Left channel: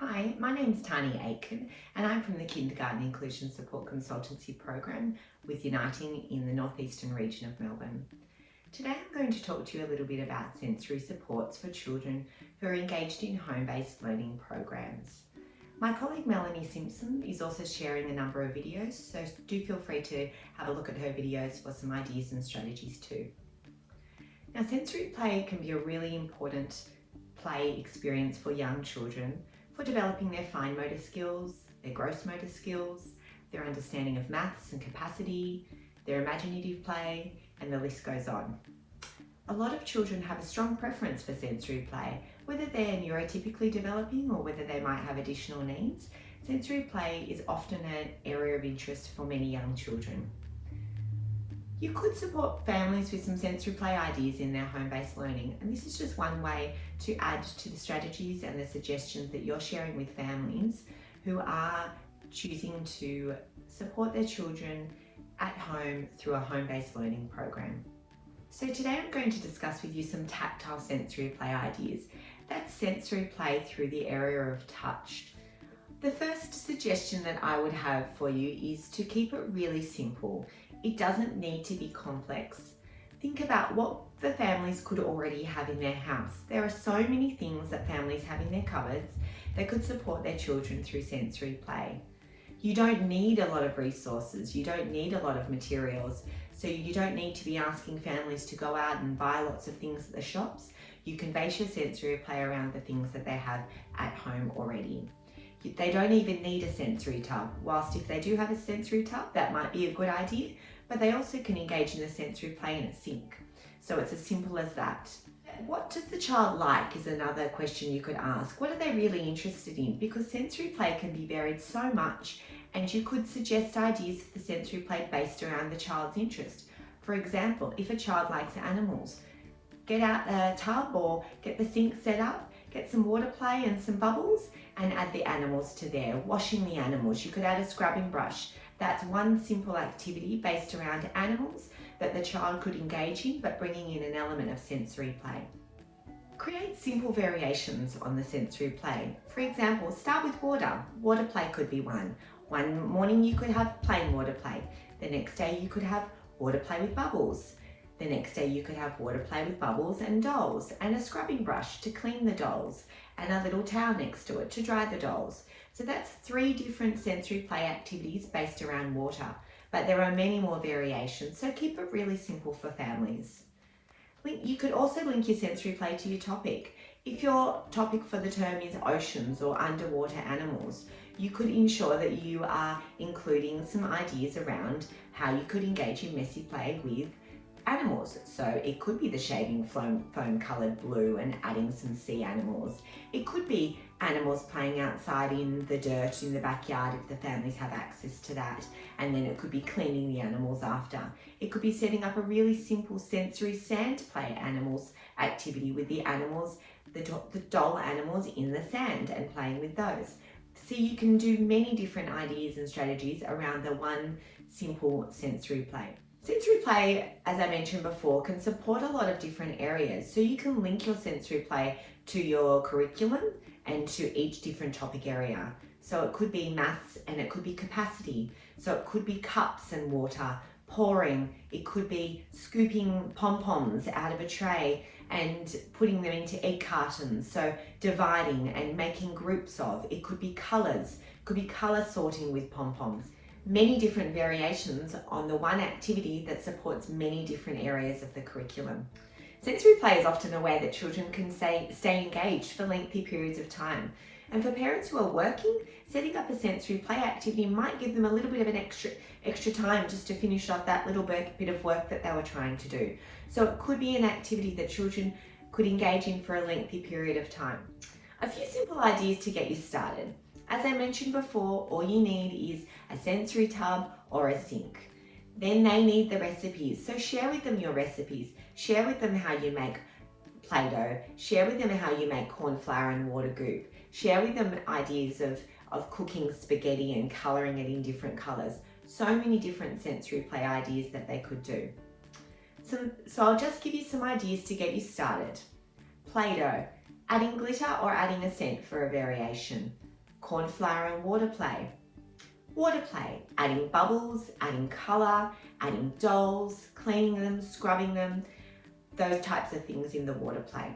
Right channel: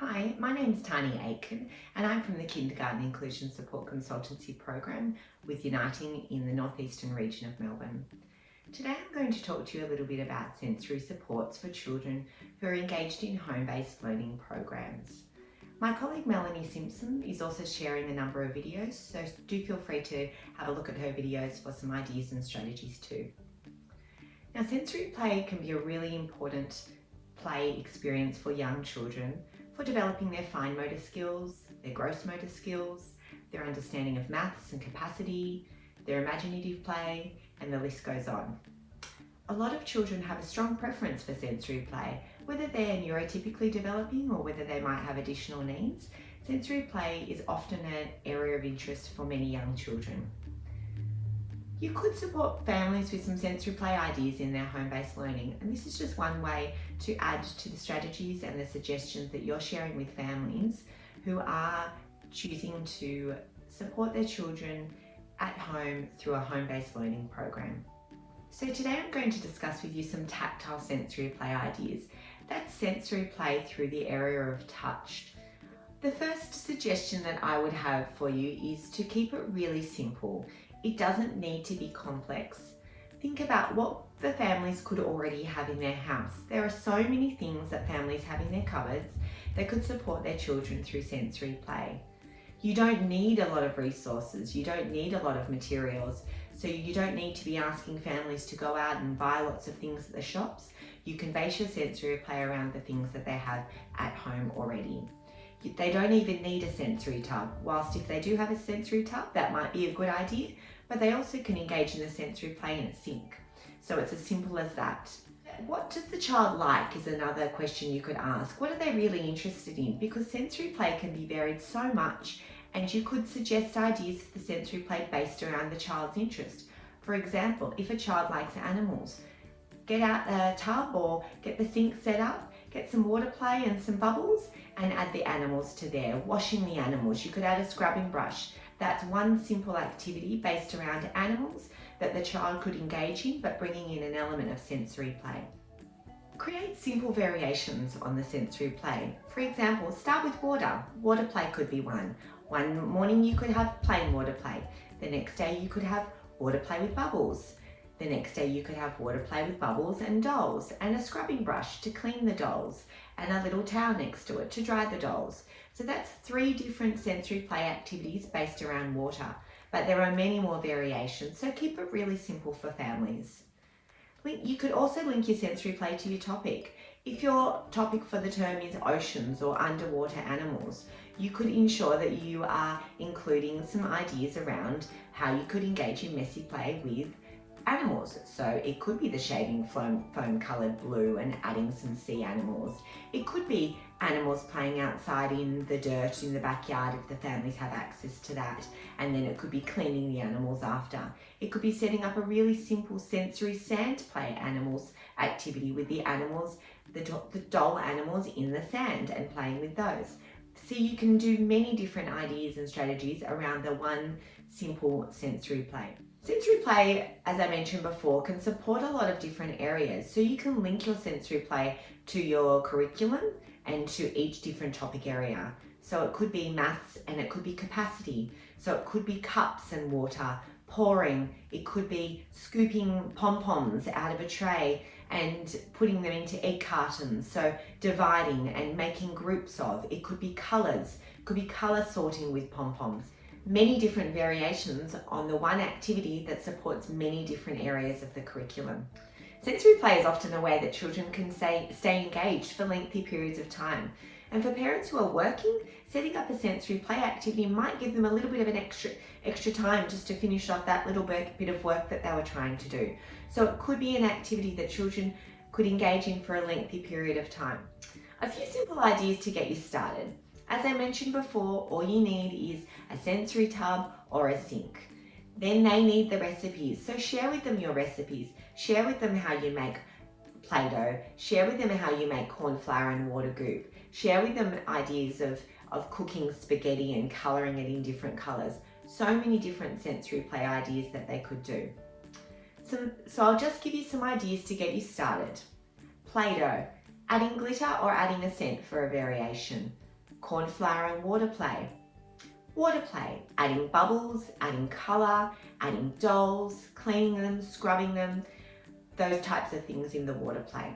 Hi, my name's Tahni Aitken and I'm from the Kindergarten Inclusion Support Consultancy Program with Uniting in the northeastern region of Melbourne. Today I'm going to talk to you a little bit about sensory supports for children who are engaged in home-based learning programs. My colleague Melanie Simpson is also sharing a number of videos, so do feel free to have a look at her videos for some ideas and strategies too. Now, sensory play can be a really important play experience for young children for developing their fine motor skills, their gross motor skills, their understanding of maths and capacity, their imaginative play, and the list goes on. A lot of children have a strong preference for sensory play, whether they're neurotypically developing or whether they might have additional needs. Sensory play is often an area of interest for many young children. You could support families with some sensory play ideas in their home-based learning, and this is just one way to add to the strategies and the suggestions that you're sharing with families who are choosing to support their children at home through a home-based learning program. So today I'm going to discuss with you some tactile sensory play ideas. That's sensory play through the area of touch. The first suggestion that I would have for you is to keep it really simple. It doesn't need to be complex. Think about what the families could already have in their house. There are so many things that families have in their cupboards that could support their children through sensory play. You don't need a lot of resources, you don't need a lot of materials, so you don't need to be asking families to go out and buy lots of things at the shops. You can base your sensory play around the things that they have at home already. They don't even need a sensory tub, whilst if they do have a sensory tub, that might be a good idea, but they also can engage in the sensory play in a sink. So it's as simple as that. What does the child like is another question you could ask. What are they really interested in? Because sensory play can be varied so much, and you could suggest ideas for the sensory play based around the child's interest. For example, if a child likes animals, get out a tub or get the sink set up, get some water play and some bubbles, and add the animals to there. Washing the animals, you could add a scrubbing brush. That's one simple activity based around animals that the child could engage in, but bringing in an element of sensory play. Create simple variations on the sensory play. For example, start with water. Water play could be one. One morning you could have plain water play. The next day you could have water play with bubbles. The next day you could have water play with bubbles and dolls, and a scrubbing brush to clean the dolls, and a little towel next to it to dry the dolls. So that's 3 different sensory play activities based around water, but there are many more variations, so keep it really simple for families. You could also link your sensory play to your topic. If your topic for the term is oceans or underwater animals, you could ensure that you are including some ideas around how you could engage in messy play with animals. So it could be the shaving foam coloured blue and adding some sea animals. It could be animals playing outside in the dirt in the backyard if the families have access to that, and then it could be cleaning the animals after. It could be setting up a really simple sensory sand play animals activity with the animals, the doll animals in the sand, and playing with those. So you can do many different ideas and strategies around the one simple sensory play. Sensory play, as I mentioned before, can support a lot of different areas. So you can link your sensory play to your curriculum and to each different topic area. So it could be maths and it could be capacity. So it could be cups and water, pouring. It could be scooping pom-poms out of a tray and putting them into egg cartons. So dividing and making groups of. It could be colours. It could be colour sorting with pom-poms. Many different variations on the one activity that supports many different areas of the curriculum. Sensory play is often a way that children can stay engaged for lengthy periods of time. And for parents who are working, setting up a sensory play activity might give them a little bit of an extra time just to finish off that little bit of work that they were trying to do. So it could be an activity that children could engage in for a lengthy period of time. A few simple ideas to get you started. As I mentioned before, all you need is a sensory tub or a sink. Then they need the recipes, so share with them your recipes. Share with them how you make Play-Doh. Share with them how you make corn flour and water goop. Share with them ideas of cooking spaghetti and colouring it in different colours. So many different sensory play ideas that they could do. So I'll just give you some ideas to get you started. Play-Doh. Adding glitter or adding a scent for a variation. corn flour and water play. Water play, adding bubbles, adding colour, adding dolls, cleaning them, scrubbing them, those types of things in the water play.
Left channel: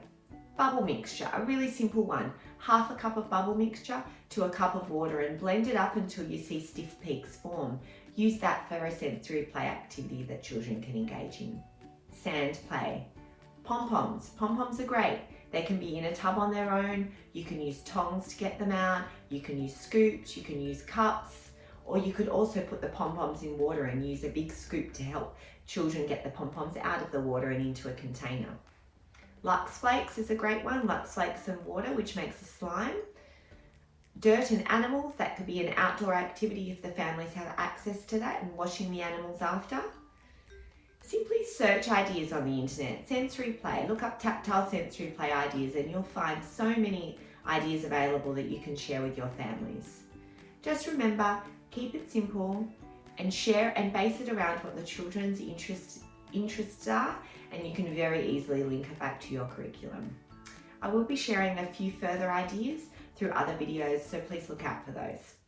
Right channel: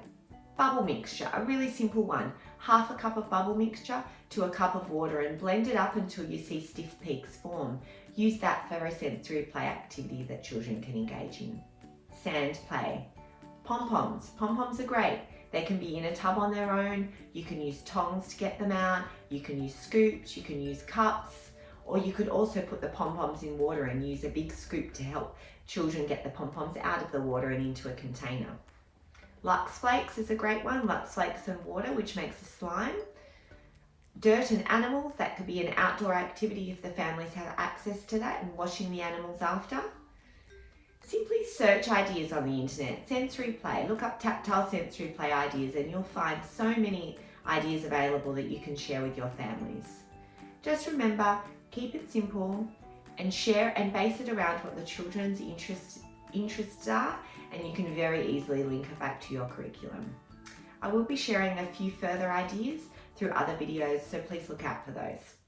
Bubble mixture, a really simple one. Half a cup of bubble mixture to a cup of water and blend it up until you see stiff peaks form. Use that for a sensory play activity that children can engage in. Sand play. Pom-poms. Pom-poms are great. They can be in a tub on their own. You can use tongs to get them out. You can use scoops, you can use cups, or you could also put the pom-poms in water and use a big scoop to help children get the pom-poms out of the water and into a container. Lux Flakes is a great one. Lux Flakes and water, which makes a slime. Dirt and animals, that could be an outdoor activity if the families have access to that, and washing the animals after. Simply search ideas on the internet. Sensory play, look up tactile sensory play ideas and you'll find so many ideas available that you can share with your families. Just remember, keep it simple and share and base it around what the children's interests are, and you can very easily link it back to your curriculum. I will be sharing a few further ideas through other videos, so please look out for those.